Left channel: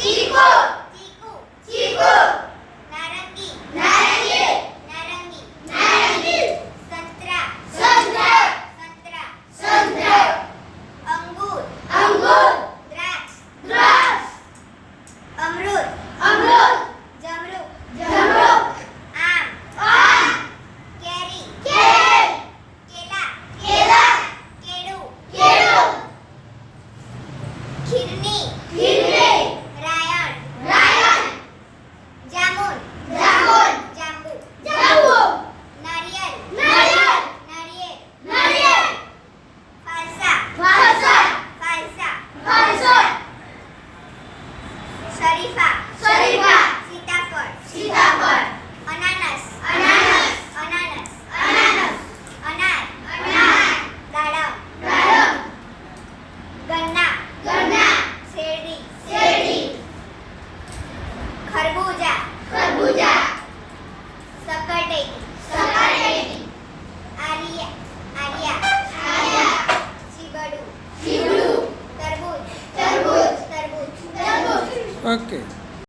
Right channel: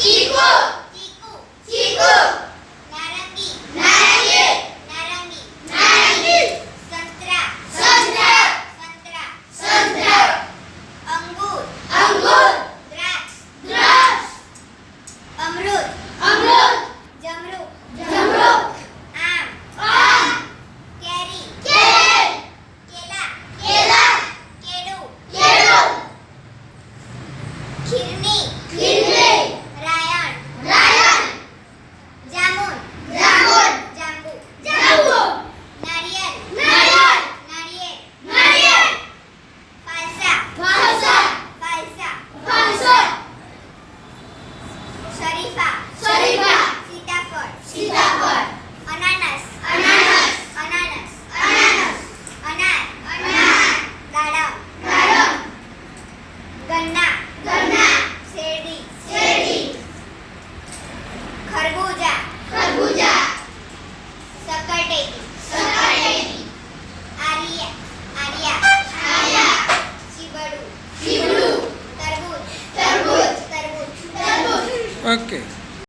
चीकू चीकू चीकू नारंगी नारंगी नारंगी नारंगी संतरा संतरा संतरा संतरा अंगूर अंगूर द्राक्ष द्राक्ष अमरूद अमरूद जमरू जमरूक आम आम केरी केले केला केला केळू केळू खीरनी खीरनी रायण रायण जामुन जामुन जांबू जांबू नारियल नारियल नारियल नारियल फालसा फालसा फालसा फालसा शरीफा शरीफा सीताफळ सीताफळ अनानस अनानस अनानस अनानस अनार अनार दाडम दाडम गन्ना गन्ना शेरडी शेरडी खरबूजा खरबूजा सकरटेटी सकाळेटी आर्या आर्या आर्या चिबडू चिवडू तरबूज तरबूज तरबूज तरबूज ओके